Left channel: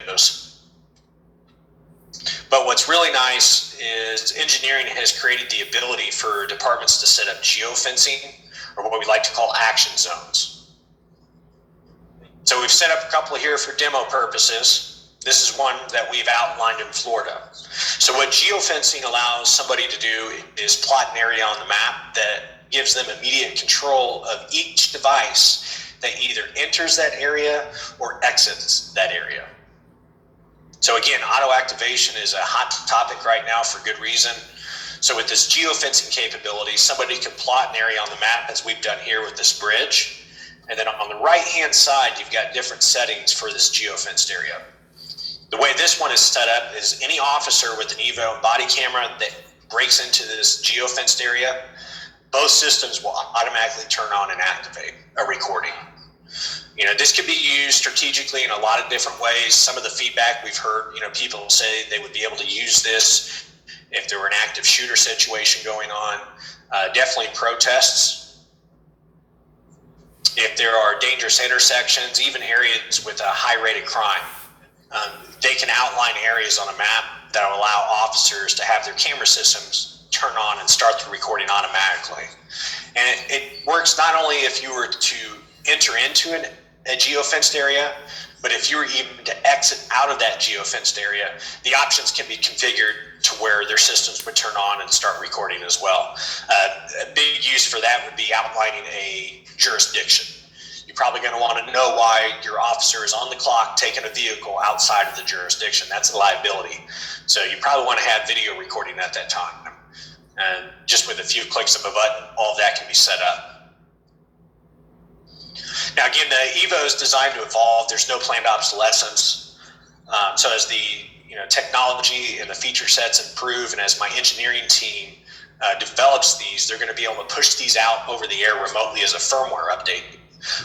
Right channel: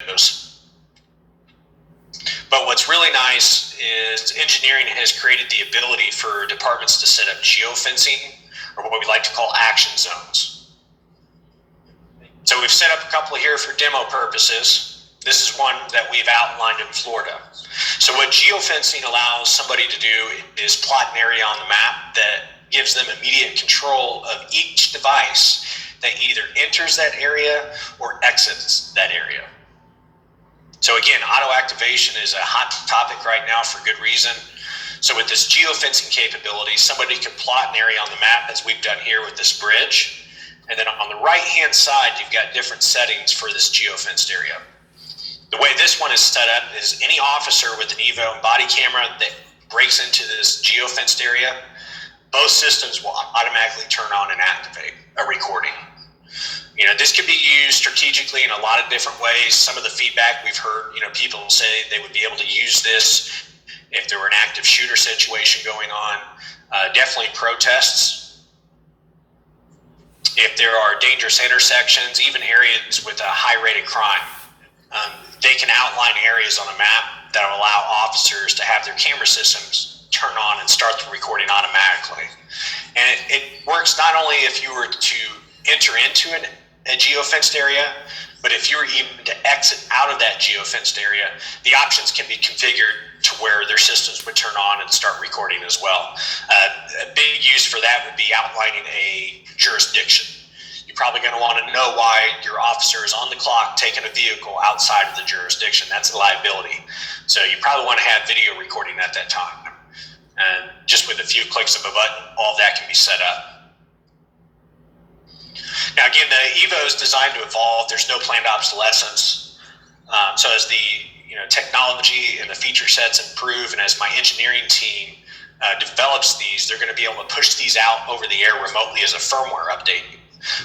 windows. But what's really nice is engineering has created the ability for departments to set up geofencing, or what we like to call action zones. So we've set up a couple here for demo purposes. This is one that we've outlined in Florida. So what geofencing allows somebody to do is plot an area on the map that gives them immediate control of each device that either enters that area or exits that area. So again, auto activation is a hot topic right now for good reason. So with this geofencing capability, somebody can plot an area on the map, as we've done here with this bridge. And then on the right-hand side, you've got different settings for this geofenced area. The way this one is set up is any officer with an Evo and body camera that breaks into this geofenced area, both systems will automatically turn on and activate a recording. This could be used strategically in a lot of different ways. Some of the feedback we've heard, people say they would be able to use this if there were an active shooter situation going on. Definitely protests. If there are dangerous intersections, even areas with a high rate of crime, they can outline areas on a map that will allow officers to have their camera systems turn on and start the recording automatically. And it works not only if you were to enter into a geofenced area, but if you were even to exit out of that geofenced area, the options can be configured to where their systems would turn on and start recording as well. A big use for that would be outlining a jurisdiction. You're probably going to want to know why your officer is on the clock taking a vehicle outside of the jurisdiction. That's a liability. So you probably want to have video recording at that time. And just with a few clicks of a button, all of that can be set up. Now, again, the Evo is designed to evolve. There's no planned obsolescence. So as the technology and the feature sets improve, and as my engineering team develops these, they're going to be able to push these out over the air remotely as a firmware update.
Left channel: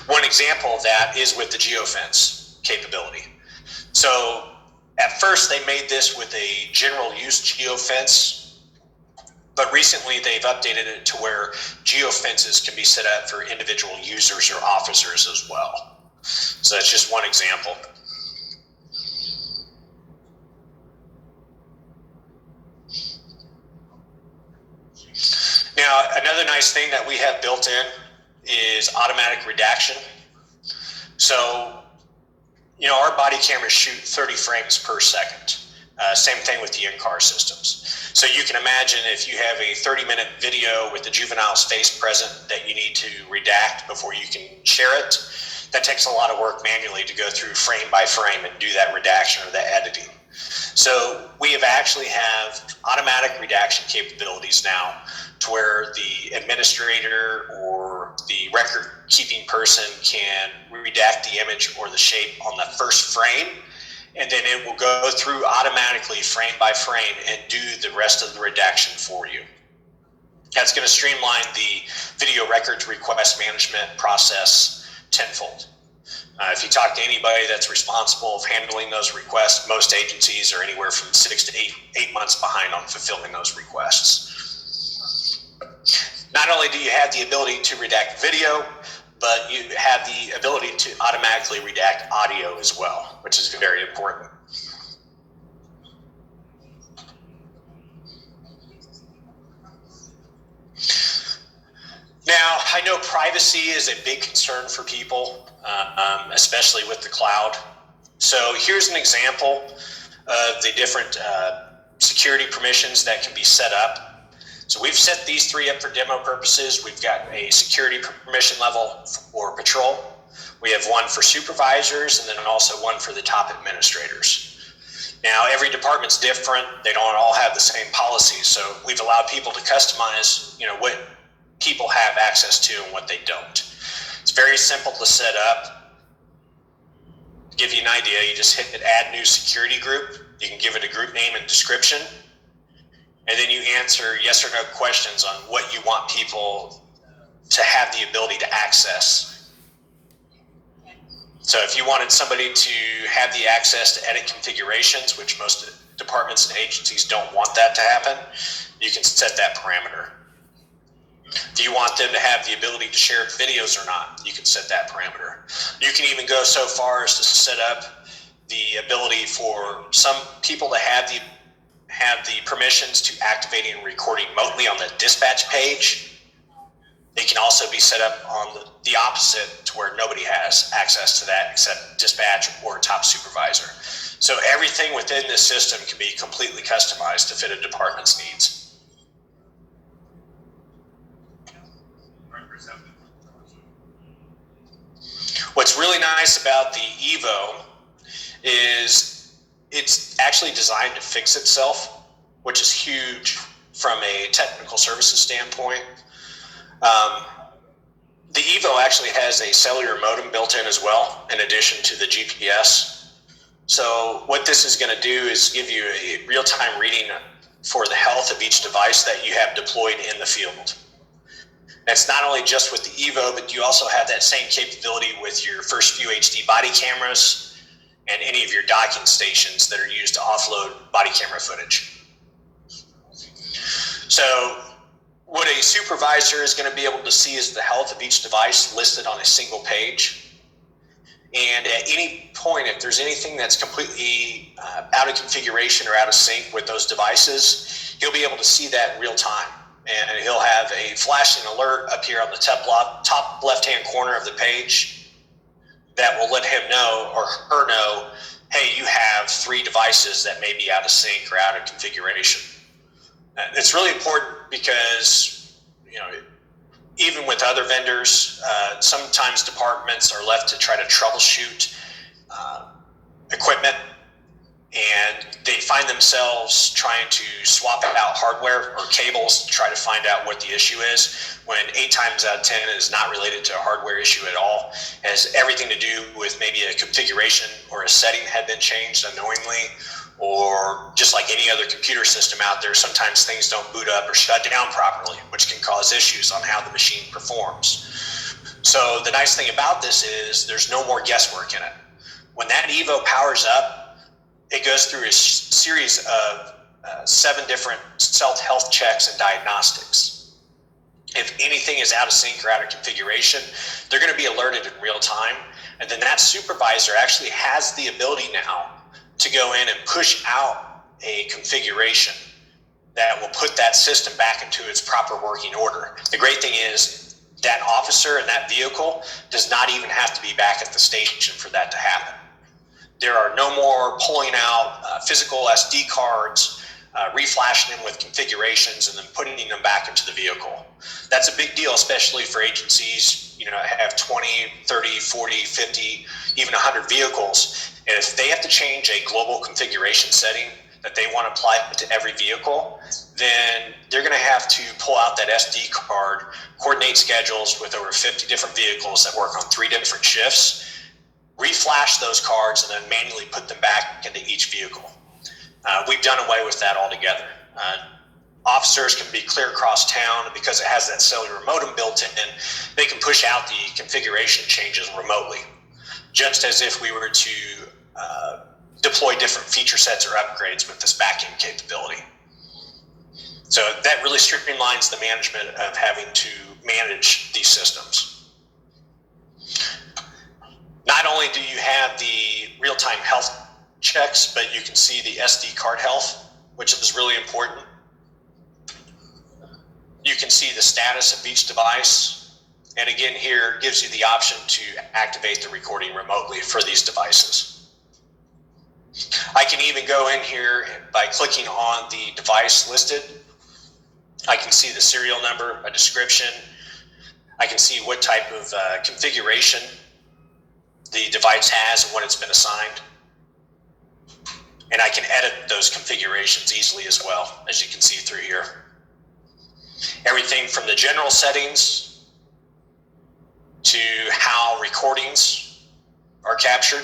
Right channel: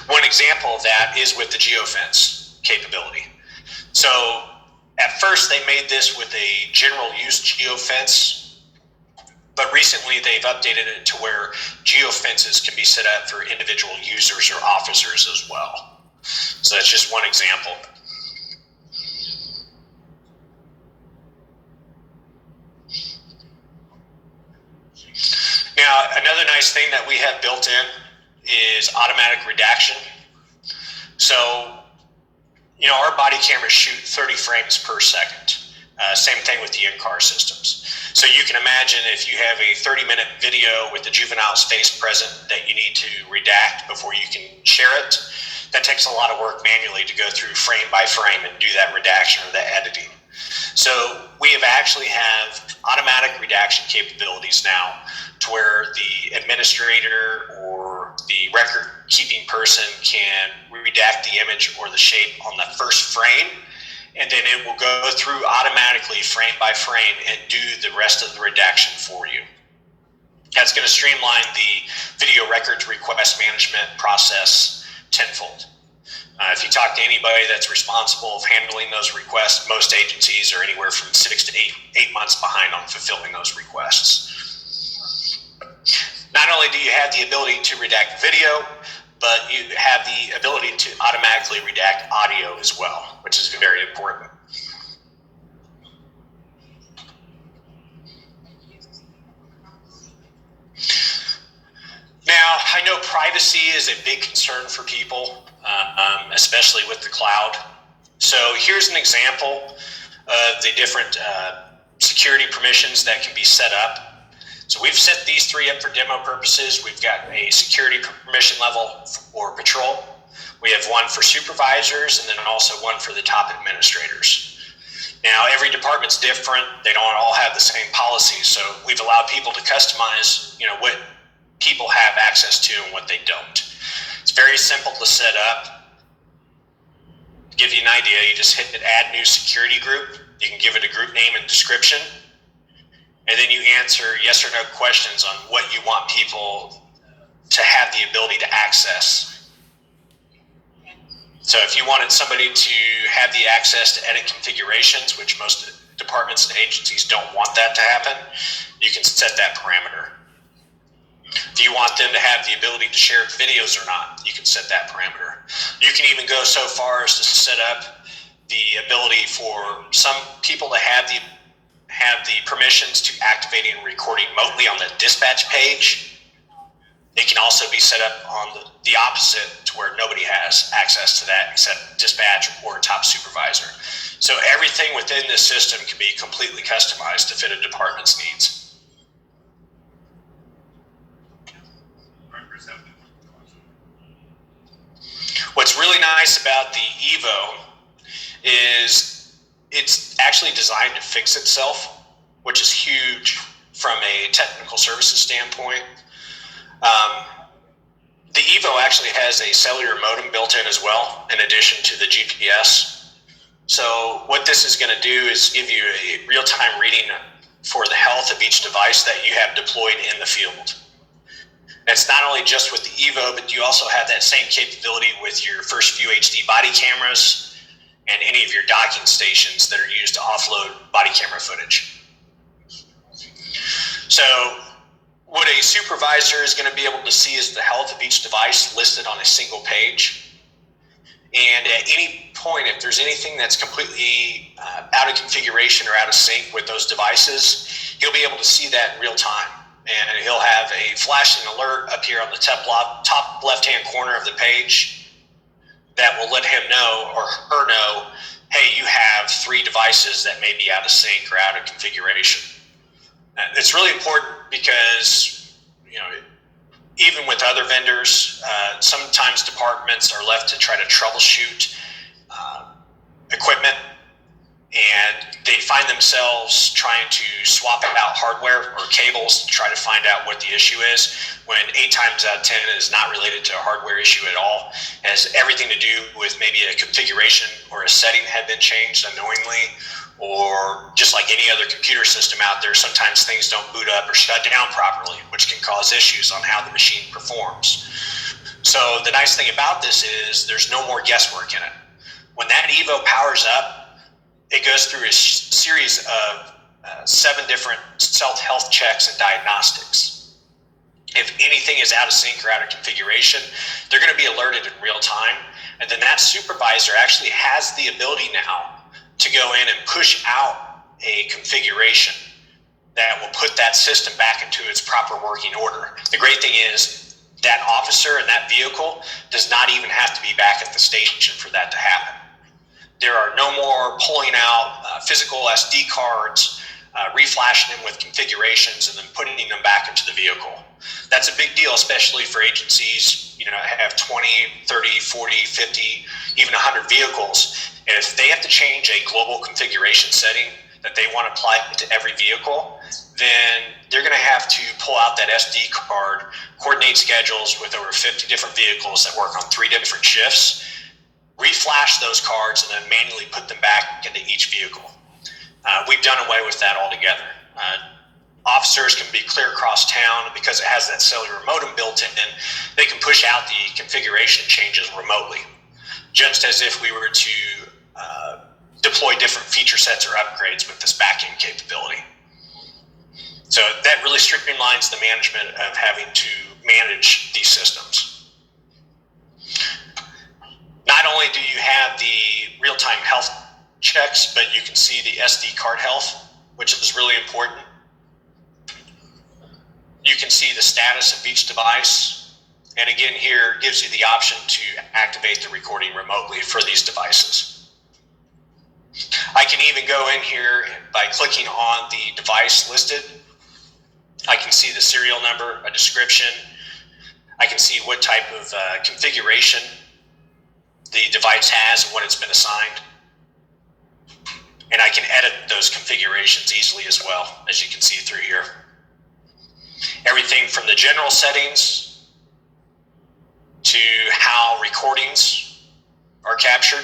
One example of that is with the geofence capability. So at first they made this with a general use geofence, but recently they've updated it to where geofences can be set up for individual users or officers as well. So that's just one example. Now, another nice thing that we have built in is automatic redaction. So, our body cameras shoot 30 frames per second. Same thing with the in-car systems. So you can imagine if you have a 30-minute video with the juvenile's face present that you need to redact before you can share it, that takes a lot of work manually to go through frame by frame and do that redaction or that editing. So we actually have automatic redaction capabilities now to where the administrator or the record-keeping person can redact the image or the shape on the first frame, and then it will go through automatically frame by frame and do the rest of the redaction for you. That's going to streamline the video records request management process tenfold. If you talk to anybody that's responsible of handling those requests, most agencies are anywhere from 6 to 8 months behind on fulfilling those requests. Not only do you have the ability to redact video, but you have the ability to automatically redact audio as well, which is very important. Now, I know privacy is a big concern for people, especially with the cloud. So here's an example of the different security permissions that can be set up. So we've set these three up for demo purposes. We've got a security permission level for patrol. We have one for supervisors and then also one for the top administrators. Now, every department's different. They don't all have the same policies. So we've allowed people to customize, what people have access to and what they don't. It's very simple to set up. To give you an idea, you just hit add new security group. You can give it a group name and description. And then you answer yes or no questions on what you want people to have the ability to access. So if you wanted somebody to have the access to edit configurations, which most departments and agencies don't want that to happen, you can set that parameter. If you want them to have the ability to share videos or not, you can set that parameter. You can even go so far as to set up the ability for some people to have the permissions to activating and recording remotely on the dispatch page. They can also be set up on the opposite, to where nobody has access to that except dispatch or a top supervisor. So everything within this system can be completely customized to fit a department's needs. What's really nice about the Evo is it's actually designed to fix itself, which is huge from a technical services standpoint. The Evo actually has a cellular modem built in as well, in addition to the GPS. So what this is going to do is give you a real-time reading for the health of each device that you have deployed in the field. It's not only just with the Evo, but you also have that same capability with your first few HD body cameras and any of your docking stations that are used to offload body camera footage. So what a supervisor is going to be able to see is the health of each device listed on a single page. And at any point, if there's anything that's completely out of configuration or out of sync with those devices, he'll be able to see that in real time. And he'll have a flashing alert up here on the top left-hand corner of the page that will let him know or her know, hey, you have 3 devices that may be out of sync or out of configuration. It's really important because, even with other vendors, sometimes departments are left to try to troubleshoot equipment, and they find themselves trying to swap out hardware or cables to try to find out what the issue is, when 8 times out of 10 is not related to a hardware issue at all. It has everything to do with maybe a configuration or a setting had been changed unknowingly, or just like any other computer system out there, sometimes things don't boot up or shut down properly, which can cause issues on how the machine performs. So the nice thing about this is there's no more guesswork in it. When that Evo powers up, it goes through a series of 7 different self-health checks and diagnostics. If anything is out of sync or out of configuration, they're going to be alerted in real time. And then that supervisor actually has the ability now to go in and push out a configuration that will put that system back into its proper working order. The great thing is that officer and that vehicle does not even have to be back at the station for that to happen. There are no more pulling out physical SD cards, reflashing them with configurations, and then putting them back into the vehicle. That's a big deal, especially for agencies, have 20, 30, 40, 50, even 100 vehicles. And if they have to change a global configuration setting that they want to apply to every vehicle, then they're going to have to pull out that SD card, coordinate schedules with over 50 different vehicles that work on 3 different shifts, reflash those cards, and then manually put them back into each vehicle. We've done away with that altogether. Officers can be clear across town, and because it has that cellular modem built in, they can push out the configuration changes remotely, just as if we were to deploy different feature sets or upgrades with this back-end capability. So that really streamlines the management of having to manage these systems. Not only do you have the real-time health checks, but you can see the SD card health, which is really important. You can see the status of each device. And again, here gives you the option to activate the recording remotely for these devices. I can even go in here by clicking on the device listed. I can see the serial number, a description. I can see what type of configuration the device has and what it's been assigned. And I can edit those configurations easily as well, as you can see through here. Everything from the general settings to how recordings are captured,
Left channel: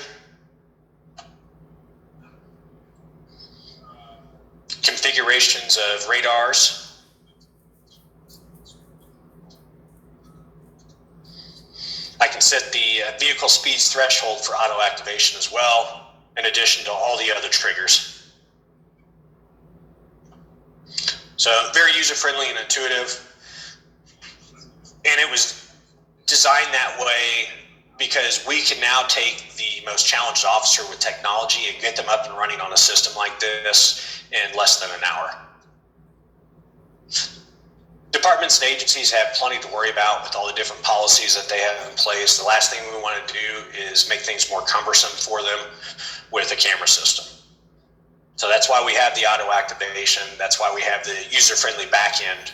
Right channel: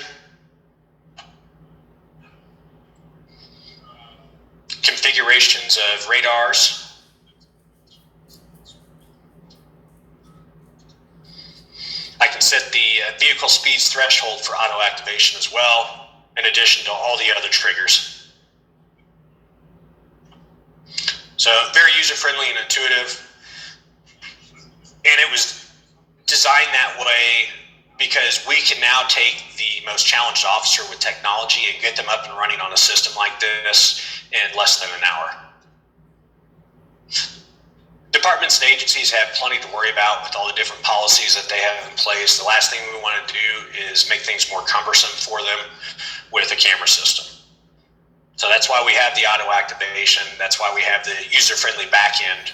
configurations of radars, I can set the vehicle speeds threshold for auto activation as well, in addition to all the other triggers. So very user-friendly and intuitive. And it was designed that way because we can now take the most challenged officer with technology and get them up and running on a system like this in less than an hour. Departments and agencies have plenty to worry about with all the different policies that they have in place. The last thing we want to do is make things more cumbersome for them with a camera system. So that's why we have the auto activation. That's why we have the user-friendly back end.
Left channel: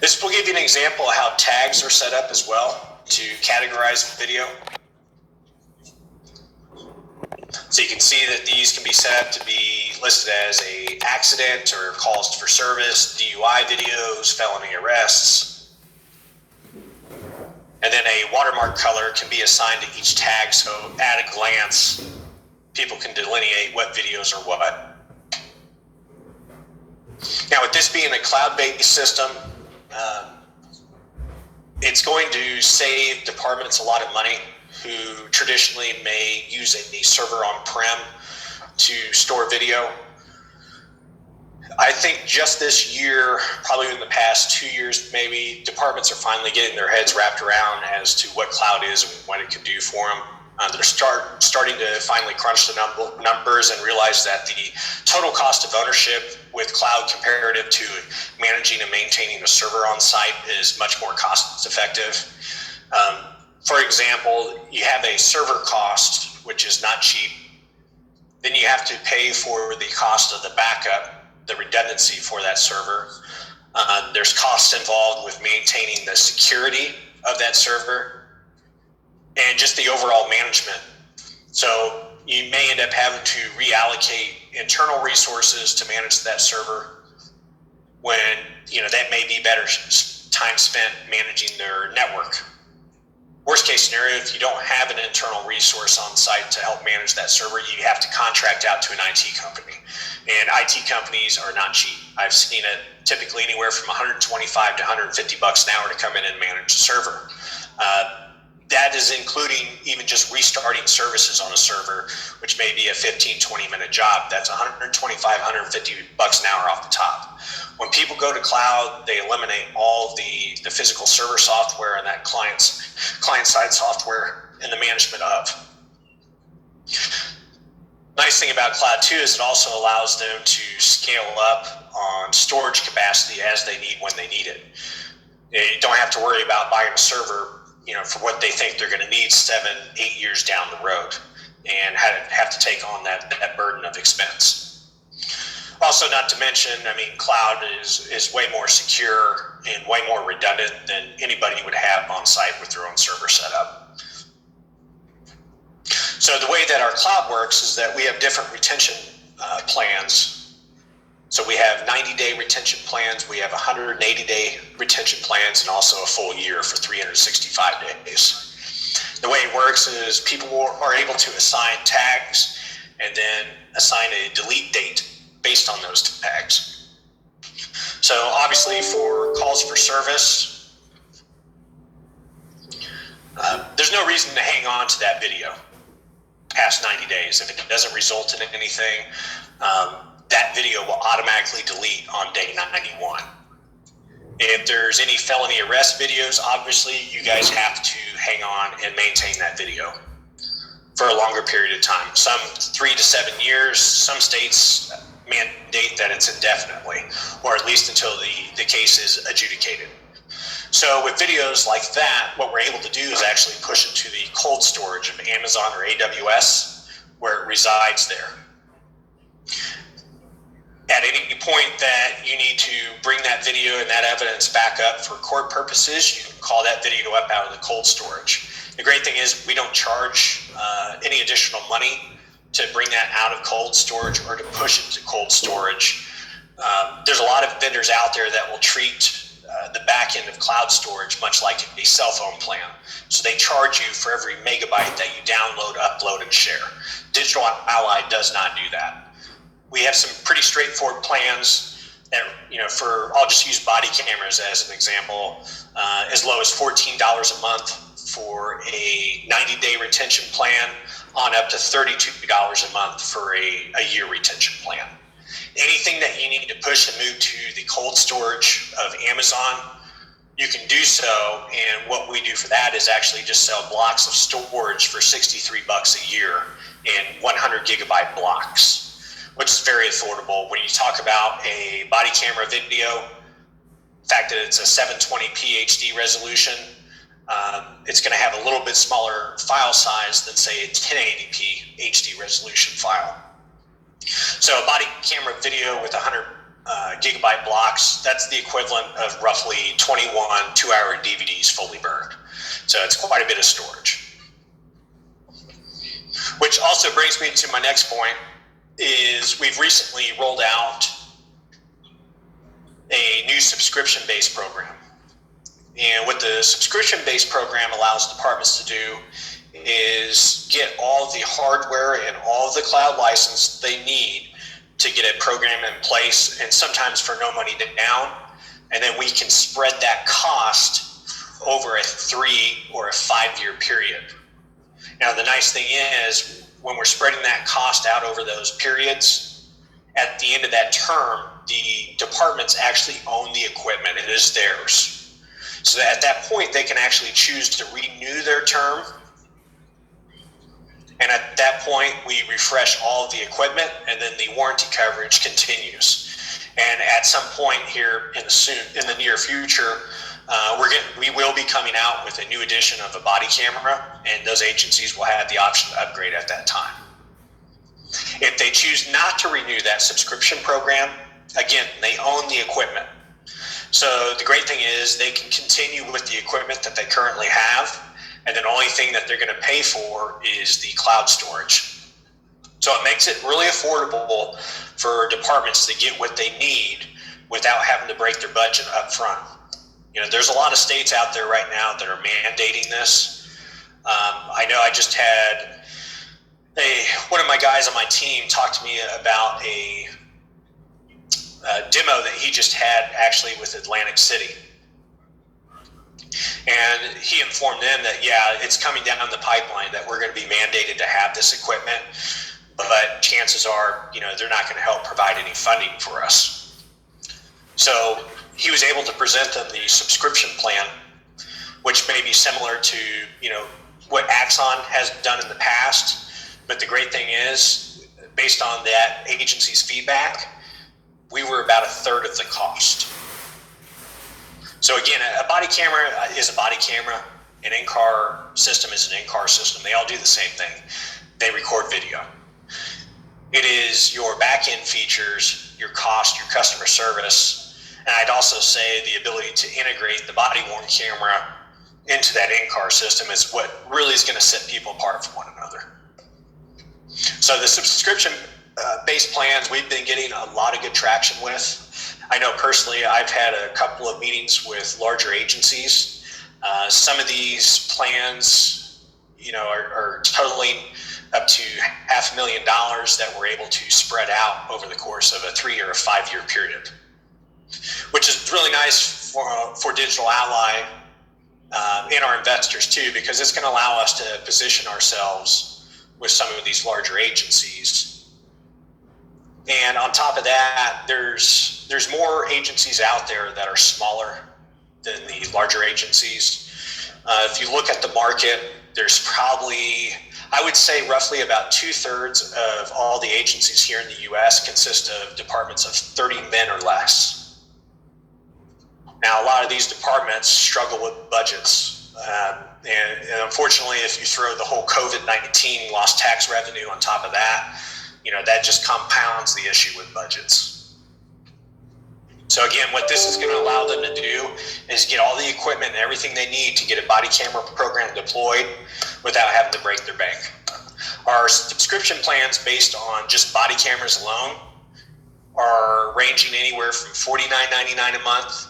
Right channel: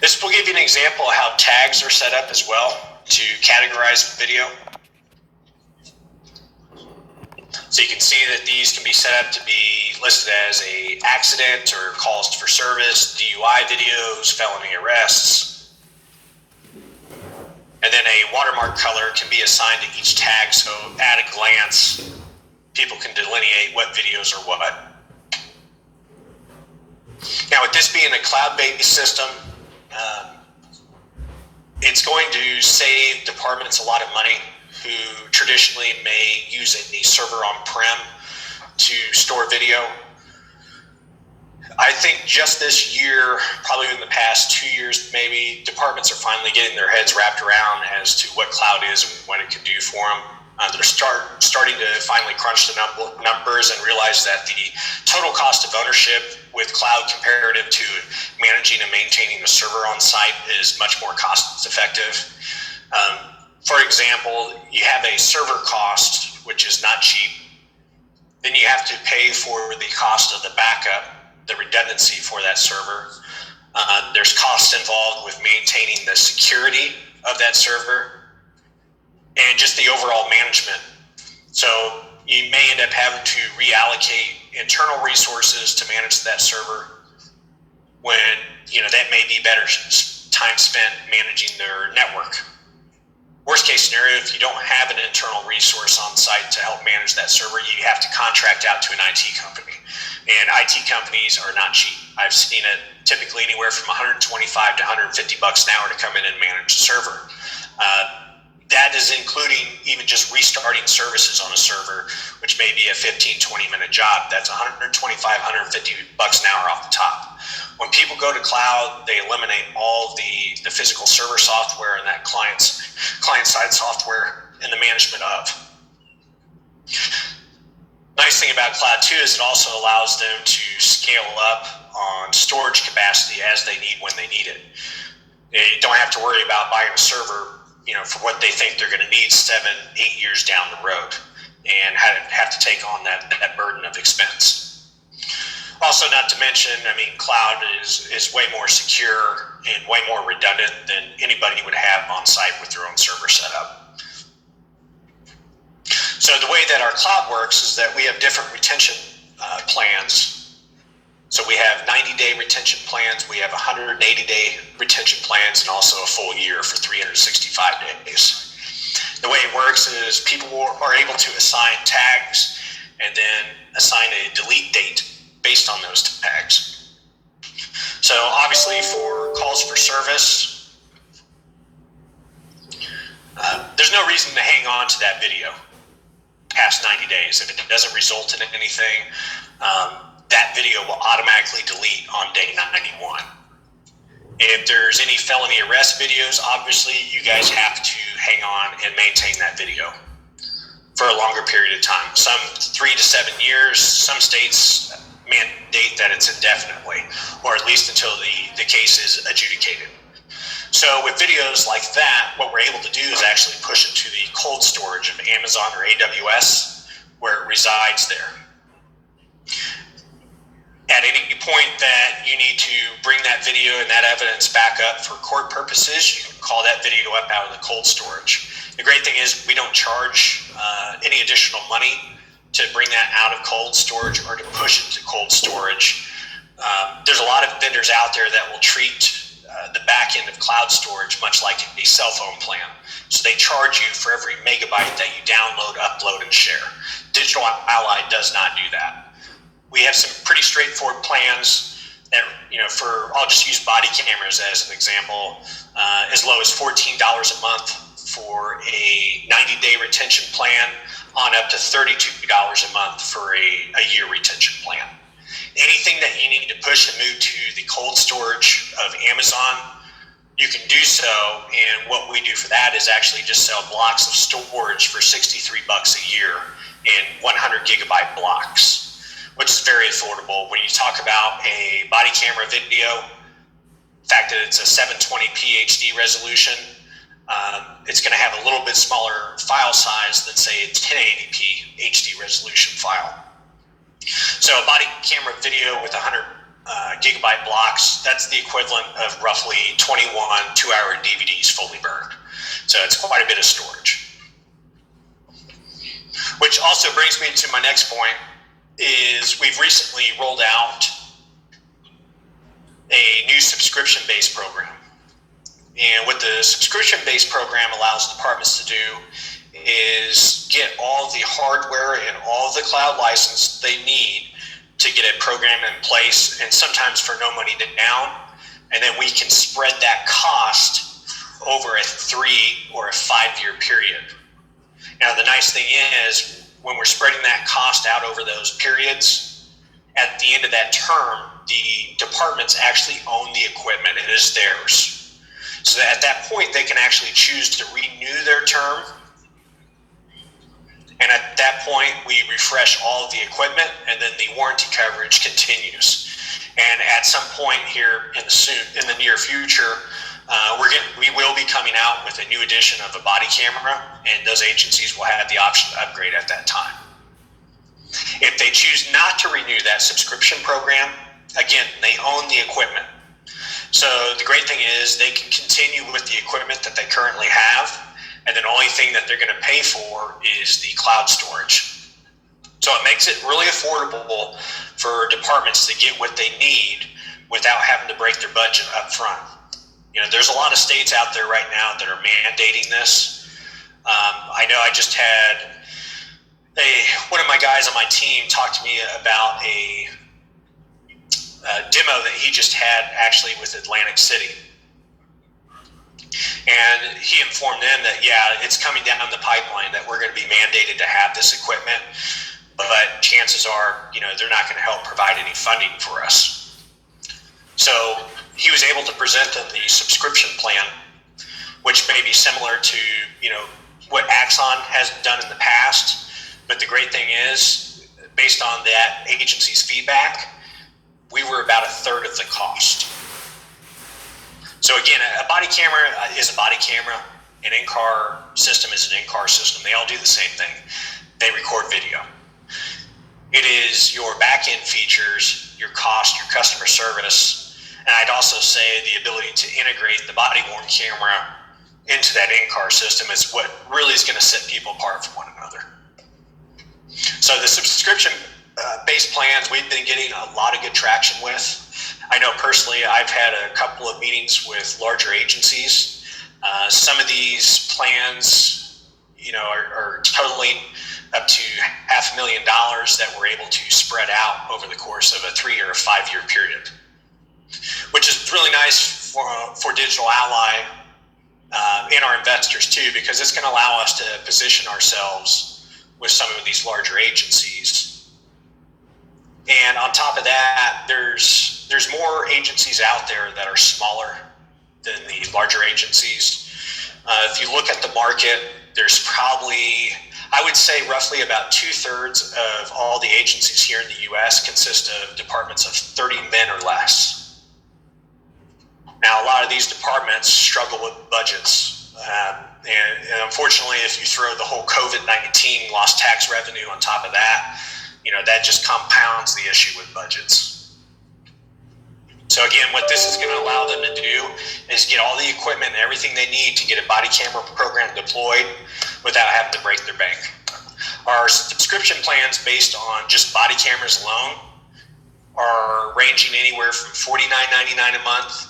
This will give you an example of how tags are set up as well to categorize video. So you can see that these can be set up to be listed as a accident or calls for service, DUI videos, felony arrests. And then a watermark color can be assigned to each tag, so at a glance, people can delineate what videos are what. Now, with this being a cloud-based system, it's going to save departments a lot of money who traditionally may use a server on-prem to store video. I think just this year, probably in the past 2 years maybe, departments are finally getting their heads wrapped around as to what cloud is and what it can do for them. They're starting to finally crunch the numbers and realize that the total cost of ownership with cloud comparative to managing and maintaining a server on site is much more cost effective. For example, you have a server cost, which is not cheap. Then you have to pay for the cost of the backup, the redundancy for that server. There's costs involved with maintaining the security of that server and just the overall management. So you may end up having to reallocate internal resources to manage that server when, that may be better time spent managing their network. Worst case scenario, if you don't have an internal resource on site to help manage that server, you have to contract out to an IT company. And IT companies are not cheap. I've seen it typically anywhere from $125 to $150 an hour to come in and manage a server. That is including even just restarting services on a server, which may be a 15, 20-minute job. That's $125, $150 an hour off the top. When people go to cloud, they eliminate all the physical server software and that client-side software and the management of. Nice thing about cloud too is it also allows them to scale up on storage capacity as they need when they need it. You don't have to worry about buying a server for what they think they're going to need 7-8 years down the road and have to take on that burden of expense. Also, not to mention, cloud is way more secure and way more redundant than anybody would have on site with their own server setup. So the way that our cloud works is that we have different retention plans. So we have 90-day retention plans, we have 180-day retention plans, and also a full year for 365 days. The way it works is people are able to assign tags and then assign a delete date based on those tags. So obviously for calls for service, there's no reason to hang on to that video past 90 days. If it doesn't result in anything, that video will automatically delete on day 91. If there's any felony arrest videos, obviously you guys have to hang on and maintain that video for a longer period of time. Some 3 to 7 years, some states mandate that it's indefinitely, or at least until the case is adjudicated. So with videos like that, what we're able to do is actually push it to the cold storage of Amazon or AWS, where it resides there. At any point that you need to bring that video and that evidence back up for court purposes, you can call that video up out of the cold storage. The great thing is we don't charge any additional money to bring that out of cold storage or to push it to cold storage. There's a lot of vendors out there that will treat the back end of cloud storage much like a cell phone plan. So they charge you for every megabyte that you download, upload, and share. DGLY does not do that. We have some pretty straightforward plans that, I'll just use body cameras as an example, as low as $14 a month for a 90-day retention plan on up to $32 a month for a year retention plan. Anything that you need to push and move to the cold storage of Amazon you can do so. And what we do for that is actually just sell blocks of storage for $63 a year in 100 gigabyte blocks, which is very affordable. When you talk about a body camera video, the fact that it's a 720p HD resolution, it's going to have a little bit smaller file size than, say, a 1080p HD resolution file. So a body camera video with 100 gigabyte blocks, that's the equivalent of roughly 21 two-hour DVDs fully burned. So it's quite a bit of storage. Which also brings me to my next point, is we've recently rolled out a new subscription-based program. And what the subscription-based program allows departments to do is get all the hardware and all the cloud license they need to get a program in place, and sometimes for no money down. And then we can spread that cost over a 3 or a 5 year period. Now, the nice thing is, when we're spreading that cost out over those periods, at the end of that term, the departments actually own the equipment. It is theirs. So that at that point, they can actually choose to renew their term. And at that point, we refresh all of the equipment, and then the warranty coverage continues. And at some point here in the near future, we will be coming out with a new edition of a body camera, and those agencies will have the option to upgrade at that time. If they choose not to renew that subscription program, again, they own the equipment. So the great thing is they can continue with the equipment that they currently have, and then the only thing that they're going to pay for is the cloud storage. So it makes it really affordable for departments to get what they need without having to break their budget up front. You know, there's a lot of states out there right now that are mandating this. I know I just had one of my guys on my team talk to me about a demo that he just had actually with Atlantic City. And he informed them that, yeah, it's coming down the pipeline that we're going to be mandated to have this equipment, but chances are, you know, they're not going to help provide any funding for us. So he was able to present them the subscription plan, which may be similar to, you know, what Axon has done in the past. But the great thing is, based on that agency's feedback, we were about a third of the cost. So again, a body camera is a body camera. An in-car system is an in-car system. They all do the same thing. They record video. It is your back-end features, your cost, your customer service, and I'd also say the ability to integrate the body-worn camera into that in-car system is what really is going to set people apart from one another. So the subscription-based plans we've been getting a lot of good traction with. I know personally I've had a couple of meetings with larger agencies. Some of these plans, you know, are totaling up to $500,000 that we're able to spread out over the course of a 3 or a 5 year period, which is really nice for DGLY and our investors too, because it's going to allow us to position ourselves with some of these larger agencies. And on top of that, there's more agencies out there that are smaller than the larger agencies. If you look at the market, there's probably, I would say roughly about 2/3 of all the agencies here in the U.S. consist of departments of 30 men or less. Now, a lot of these departments struggle with budgets. And unfortunately, if you throw the whole COVID-19 lost tax revenue on top of that, you know, that just compounds the issue with budgets. So again, what this is going to allow them to do is get all the equipment and everything they need to get a body camera program deployed without having to break their bank. Our subscription plans based on just body cameras alone are ranging anywhere from $49.99 a month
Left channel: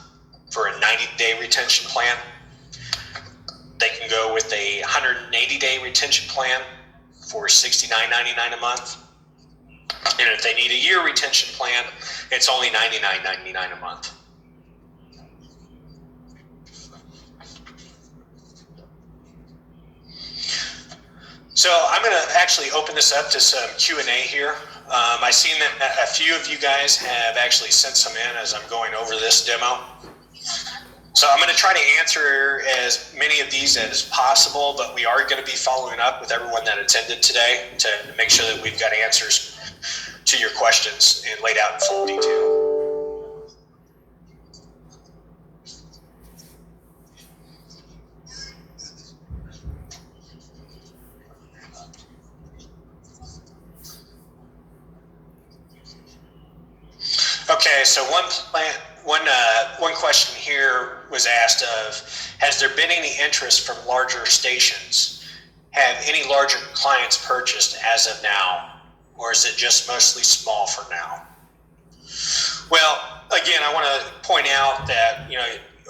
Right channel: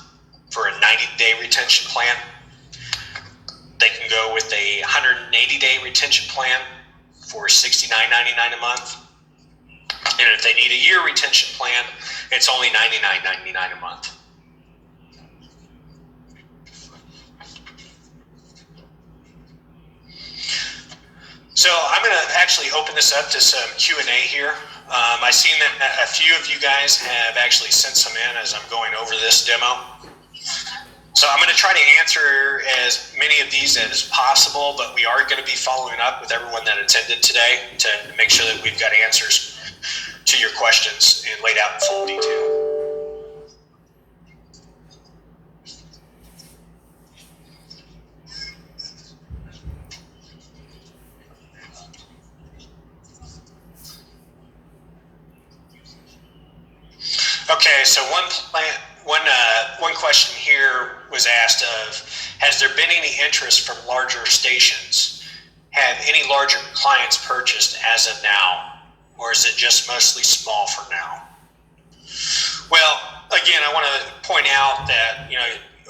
for a 90-day retention plan. They can go with a 180-day retention plan for $69.99 a month. And if they need a year retention plan, it's only $99.99 a month. So I'm going to actually open this up to some Q&A here. I've seen that a few of you guys have actually sent some in as I'm going over this demo. So I'm going to try to answer as many of these as possible, but we are going to be following up with everyone that attended today to make sure that we've got answers to your questions and laid out in full detail. Okay, so one question here was asked of, has there been any interest from larger stations? Have any larger clients purchased as of now, or is it just mostly small for now? Well, again, I want to point out that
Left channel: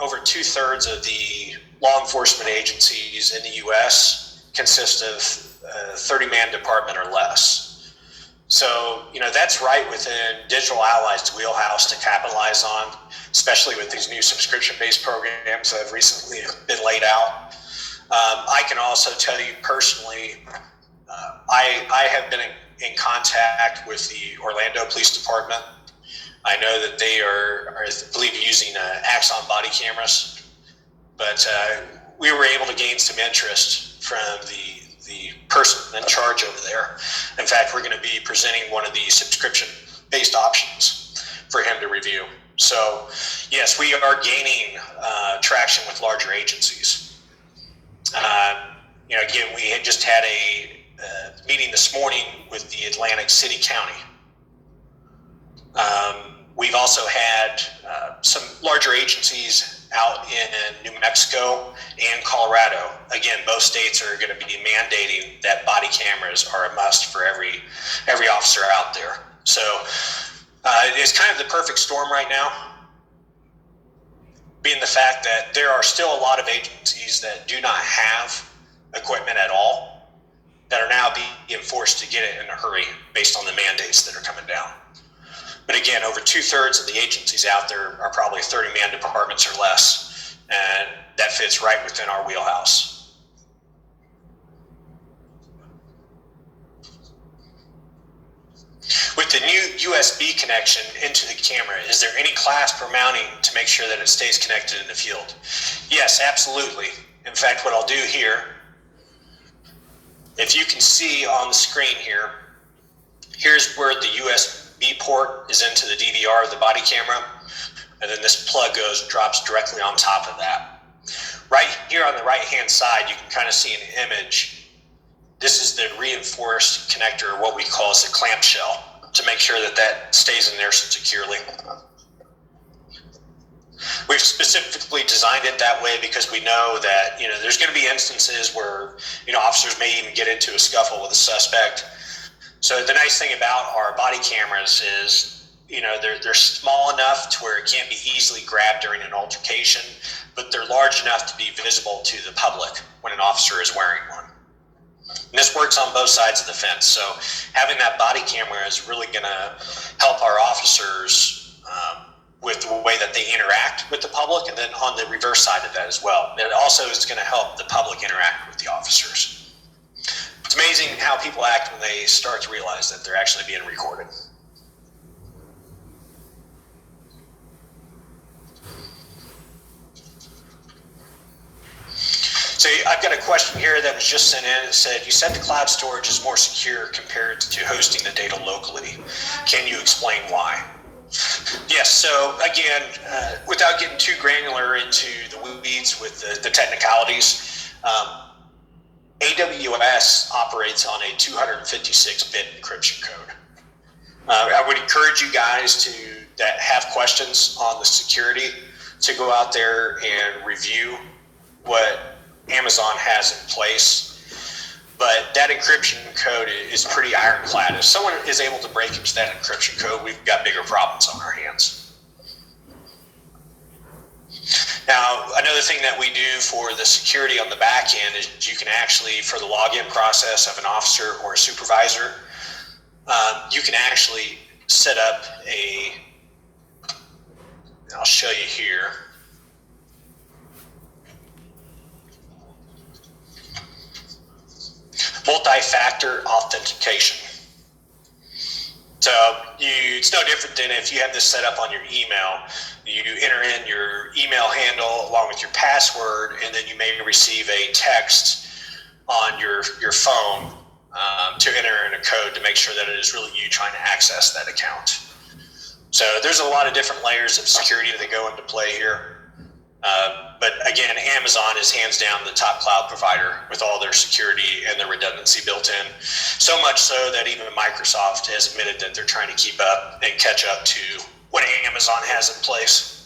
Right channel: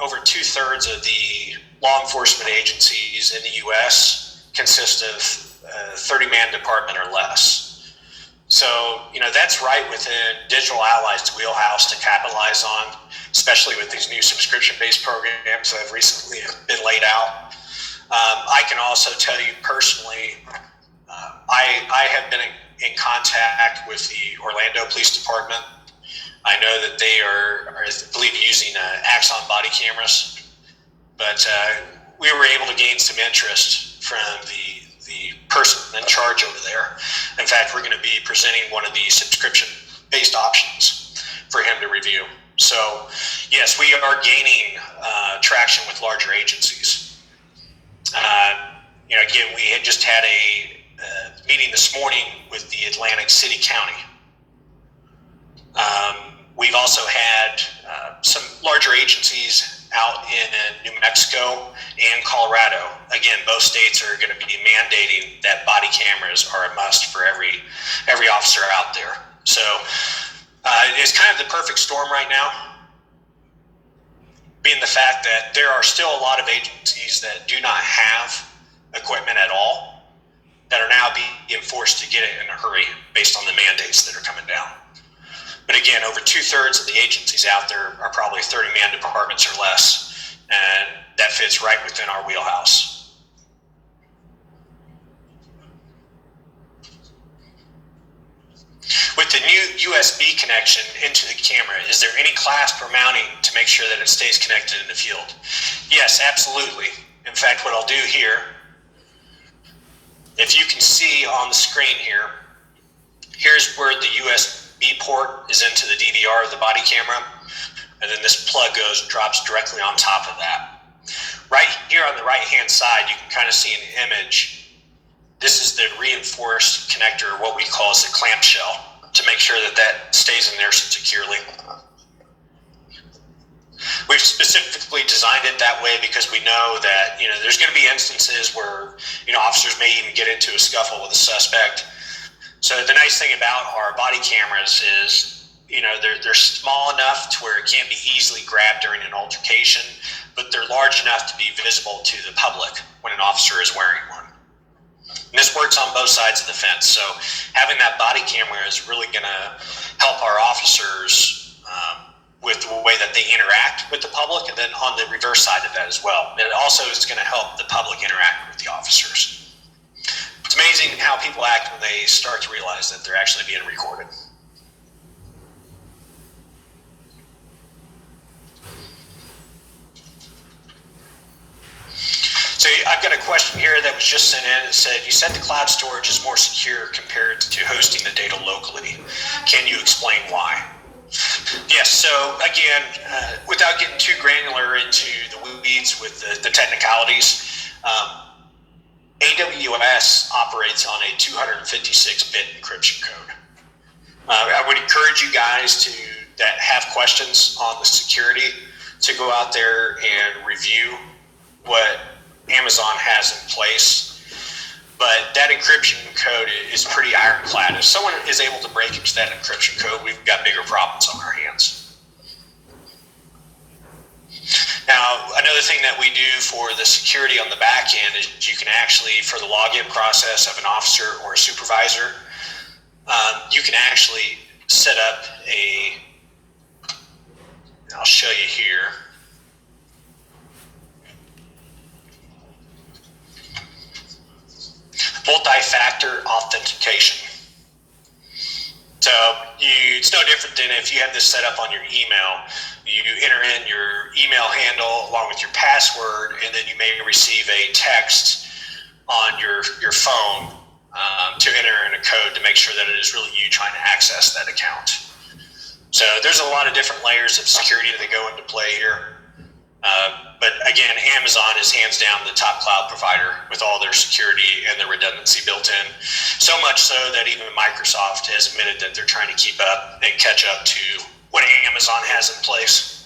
over 2/3 of the law enforcement agencies in the U.S. consist of 30-man department or less. So, that's right within Digital Ally's wheelhouse to capitalize on, especially with these new subscription-based programs that have recently been laid out. I can also tell you personally, I have been in contact with the Orlando Police Department. I know that they are I believe, using Axon body cameras, but we were able to gain some interest from the person in charge over there. In fact, we're going to be presenting one of the subscription-based options for him to review. So, yes, we are gaining traction with larger agencies. Again, we had just had a meeting this morning with the Atlantic City County. We've also had some larger agencies out in New Mexico and Colorado. Again, both states are going to be mandating that body cameras are a must for every officer out there. So it's kind of the perfect storm right now, being the fact that there are still a lot of agencies that do not have equipment at all that are now being forced to get it in a hurry based on the mandates that are coming down. But again, over 2/3 of the agencies out there are probably 30-man departments or less, and that fits right within our wheelhouse. With the new USB connection into the camera, is there any clasp or mounting to make sure that it stays connected in the field? Yes, absolutely. In fact, what I'll do here, if you can see on the screen here, here's where the USB port is into the DVR of the body camera, and then this plug drops directly on top of that. Right here on the right-hand side, you can kind of see an image. This is the reinforced connector, what we call as a clamshell, to make sure that stays in there securely. We've specifically designed it that way because we know that there's going to be instances where officers may even get into a scuffle with a suspect. So the nice thing about our body cameras is, they're small enough to where it can't be easily grabbed during an altercation, but they're large enough to be visible to the public when an officer is wearing one. And this works on both sides of the fence. So having that body camera is really going to help our officers with the way that they interact with the public, and then on the reverse side of that as well. It also is going to help the public interact with the officers. It's amazing how people act when they start to realize that they're actually being recorded. So I've got a question here that was just sent in. It said, you said the cloud storage is more secure compared to hosting the data locally. Can you explain why? Yes, so again, without getting too granular into the weeds with the technicalities, AWS operates on a 256-bit encryption code. I would encourage you guys that have questions on the security to go out there and review what Amazon has in place. But that encryption code is pretty ironclad. If someone is able to break into that encryption code, we've got bigger problems on our hands. Now, another thing that we do for the security on the back end is you can actually, for the login process of an officer or a supervisor, you can actually set up I'll show you here. Multi-factor authentication. So it's no different than if you have this set up on your email. You enter in your email handle along with your password, and then you may receive a text on your phone to enter in a code to make sure that it is really you trying to access that account. So there's a lot of different layers of security that go into play here. But again, Amazon is hands down the top cloud provider with all their security and their redundancy built in. So much so that even Microsoft has admitted that they're trying to keep up and catch up to what Amazon has in place.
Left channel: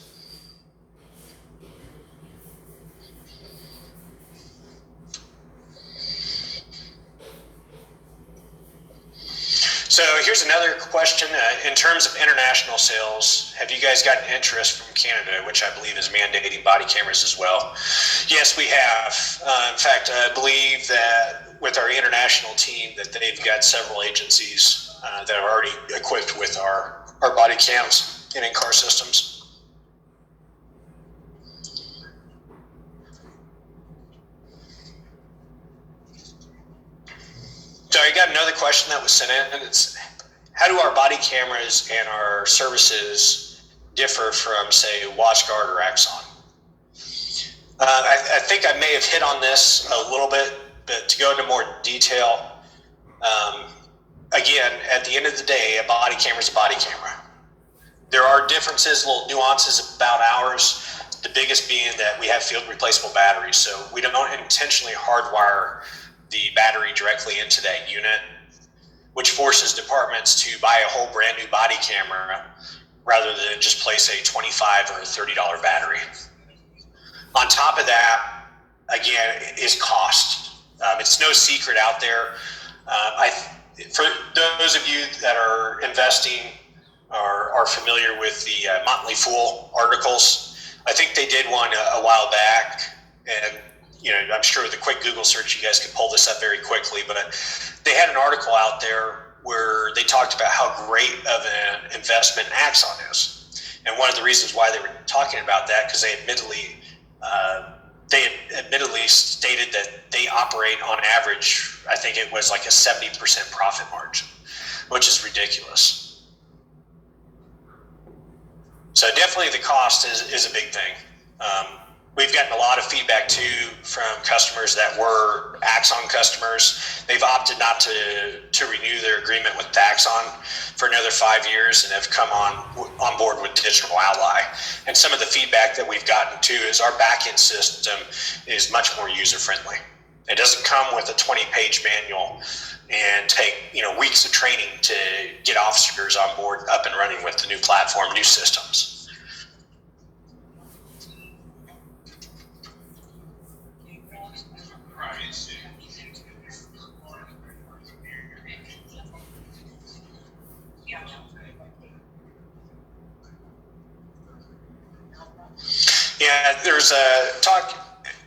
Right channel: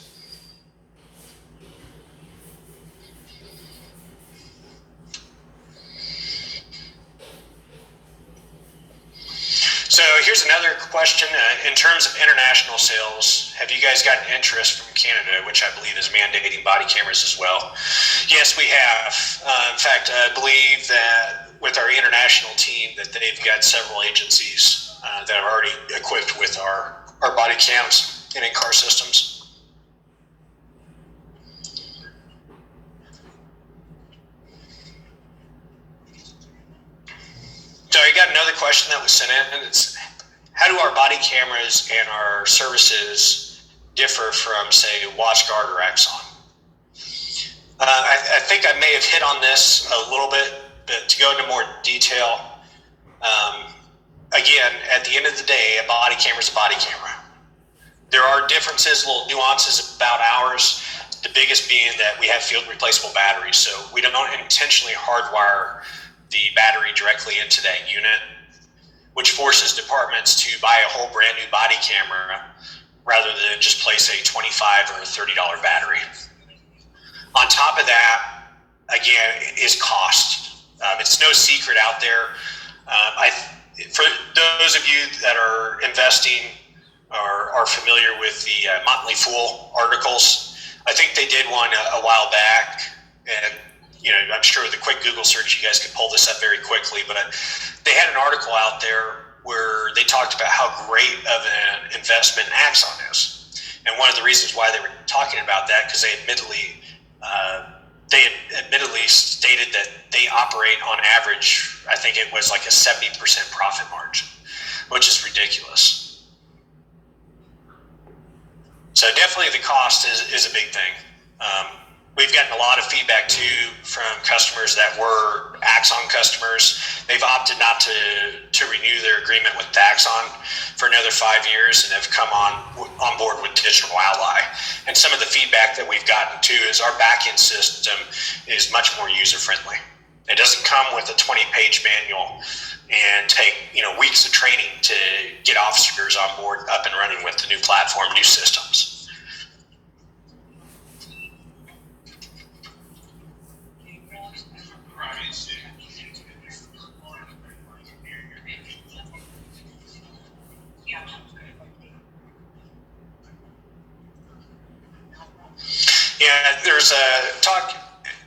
So here's another question. In terms of international sales, have you guys gotten interest from Canada, which I believe is mandating body cameras as well? Yes, we have. In fact, I believe that with our international team that they've got several agencies that are already equipped with our body cams and in-car systems. So I got another question that was sent in, and it's, how do our body cameras and our services differ from, say, WatchGuard or Axon? I think I may have hit on this a little bit, but to go into more detail, again, at the end of the day, a body camera is a body camera. There are differences, little nuances about ours, the biggest being that we have field replaceable batteries, so we don't intentionally hardwire the battery directly into that unit, which forces departments to buy a whole brand new body camera rather than just place a $25 or $30 battery. On top of that, again, is cost. It's no secret out there. For those of you that are investing or are familiar with the Motley Fool articles, I think they did one a while back, and I'm sure with a quick Google search, you guys could pull this up very quickly, but they had an article out there where they talked about how great of an investment Axon is. And one of the reasons why they were talking about that, because they admittedly stated that they operate on average, I think it was like a 70% profit margin, which is ridiculous. So definitely the cost is a big thing. We've gotten a lot of feedback too from customers that were Axon customers. They've opted not to renew their agreement with Axon for another 5 years and have come on board with DGLY. And some of the feedback that we've gotten too is our back-end system is much more user-friendly. It doesn't come with a 20-page manual and take weeks of training to get officers on board, up and running with the new platform, new systems. Yeah, there's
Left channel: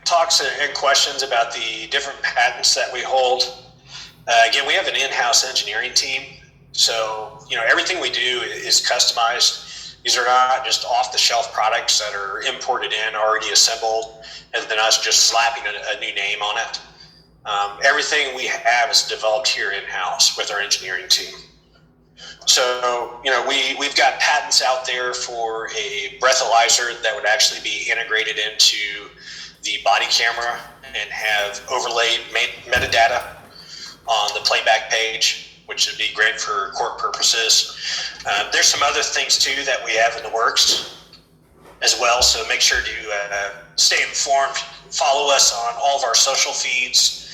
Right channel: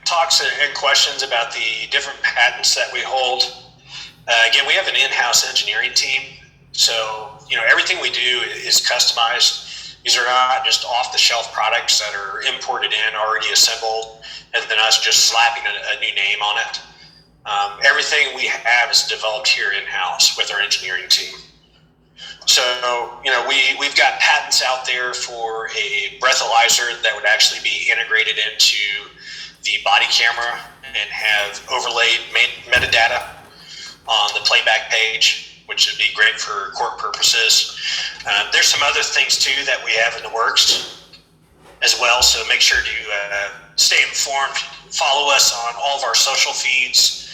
talks and questions about the different patents that we hold. Again, we have an in-house engineering team, so everything we do is customized. These are not just off-the-shelf products that are imported in, already assembled, and then us just slapping a new name on it. Everything we have is developed here in-house with our engineering team. So, we've got patents out there for a breathalyzer that would actually be integrated into the body camera and have overlaid metadata on the playback page, which would be great for court purposes. There's some other things too that we have in the works as well, so make sure to stay informed. Follow us on all of our social feeds.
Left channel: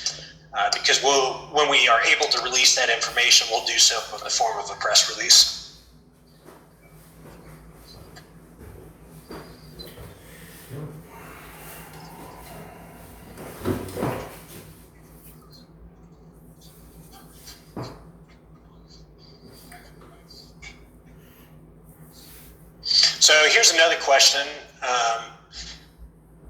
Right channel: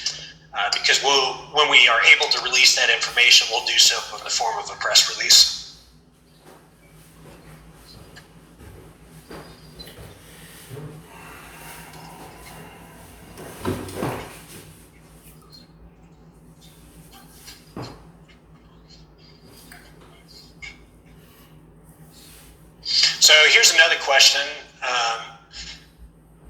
Because when we are able to release that information, we'll do so in the form of a press release. So here's another question.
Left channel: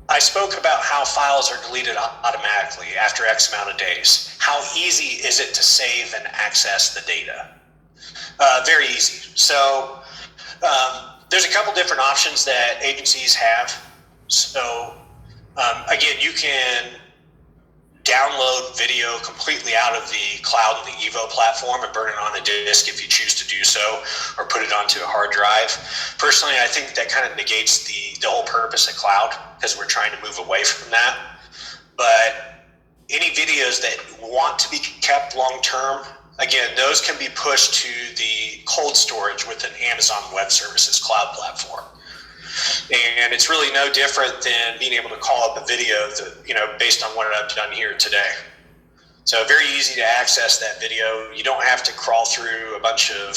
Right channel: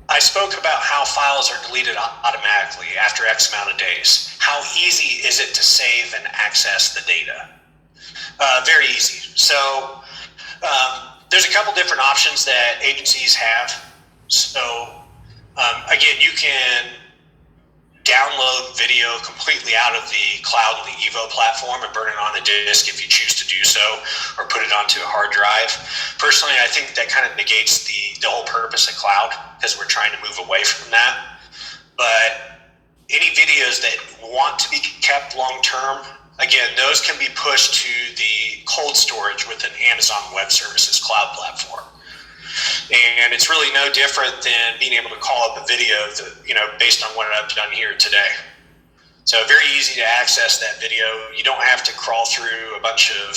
I spoke about how files are deleted automatically after X amount of days. How easy is it to save and access the data? Very easy. So there's a couple different options that agencies have. So again, you can download video completely out of the cloud and the Evo platform and burn it on a disk if you choose to do so, or put it onto a hard drive. Personally, I think that kind of negates the whole purpose of cloud, because we're trying to move away from that. But any videos that want to be kept long term, again, those can be pushed to the cold storage with an Amazon Web Services cloud platform. And it's really no different than being able to call up a video that, based on what I've done here today. So very easy to access that video. You don't have to crawl through a bunch of,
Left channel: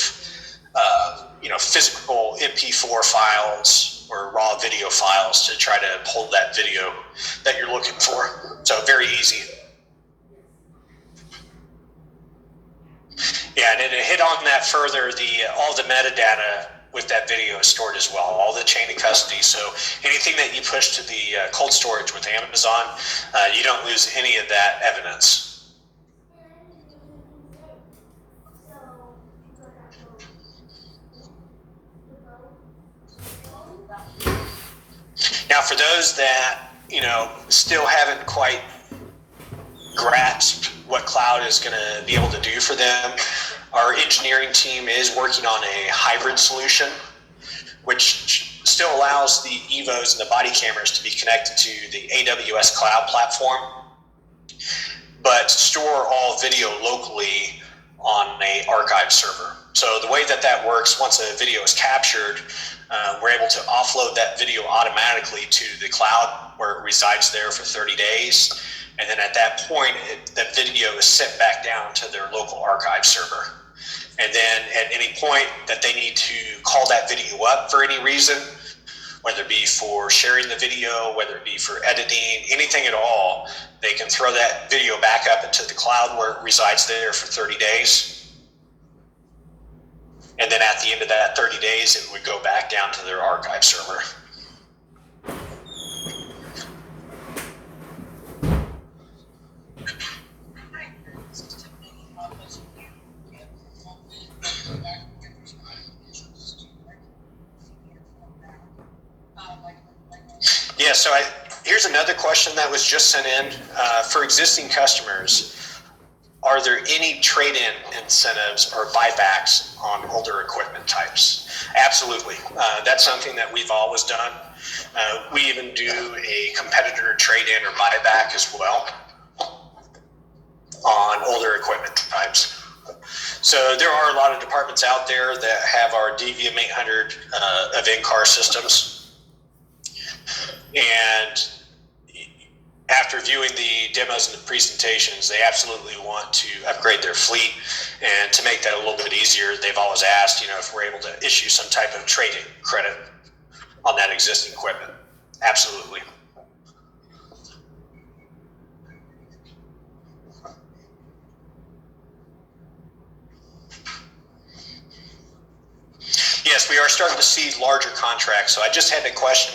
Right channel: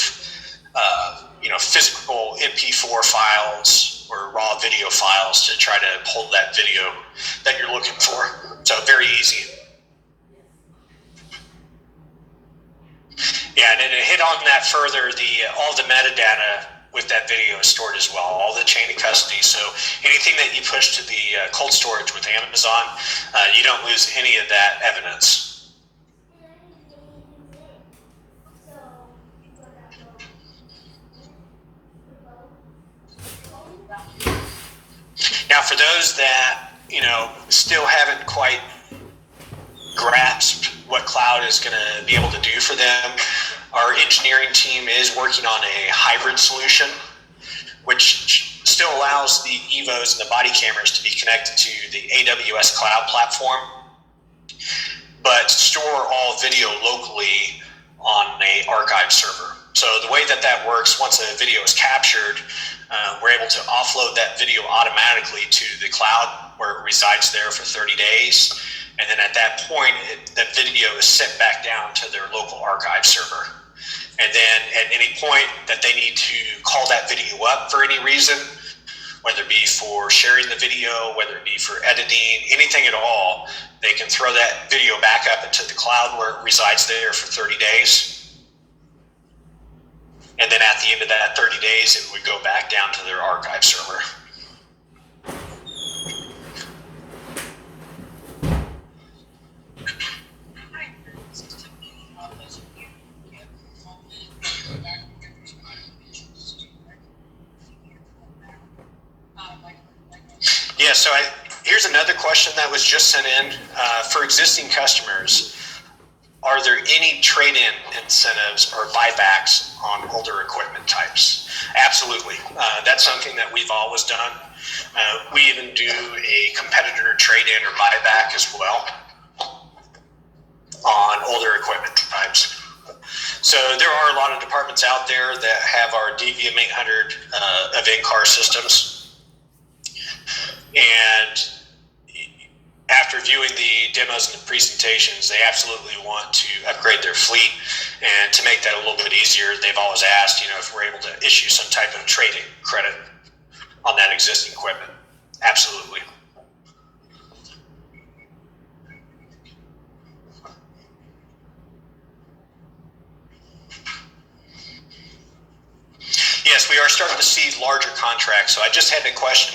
physical MP4 files or raw video files to try to pull that video that you're looking for. So very easy. Yeah, and to hit on that further, all the metadata with that video is stored as well, all the chain of custody. So anything that you push to the cold storage with Amazon, you don't lose any of that evidence. Now, for those that, still haven't quite grasped what cloud is going to be able to do for them, our engineering team is working on a hybrid solution, which still allows the EVOs and the body cameras to be connected to the AWS cloud platform, but store all video locally on an archive server. So the way that works, once a video is captured, we're able to offload that video automatically to the cloud where it resides there for 30 days. And then at that point, the video is sent back down to their local archive server. And then at any point that they need to call that video up for any reason, whether it be for sharing the video, whether it be for editing, anything at all, they can throw that video back up into the cloud where it resides there for 30 days. And then at the end of that 30 days, it would go back down to their archive server. Yeah, so here's another question that was just sent in. For existing customers, are there any trade-in incentives or buybacks on older equipment types? Absolutely. That's something that we've always done. We even do a competitor trade-in or buyback as well on older equipment types. So there are a lot of departments out there that have our DVM 800 of in-car systems. And after viewing the demos and the presentations, they absolutely want to upgrade their fleet. And to make that a little bit easier, they've always asked, if we're able to issue some type of trade-in credit on that existing equipment. Absolutely. Yes, we are starting to see larger contracts. So I just had a question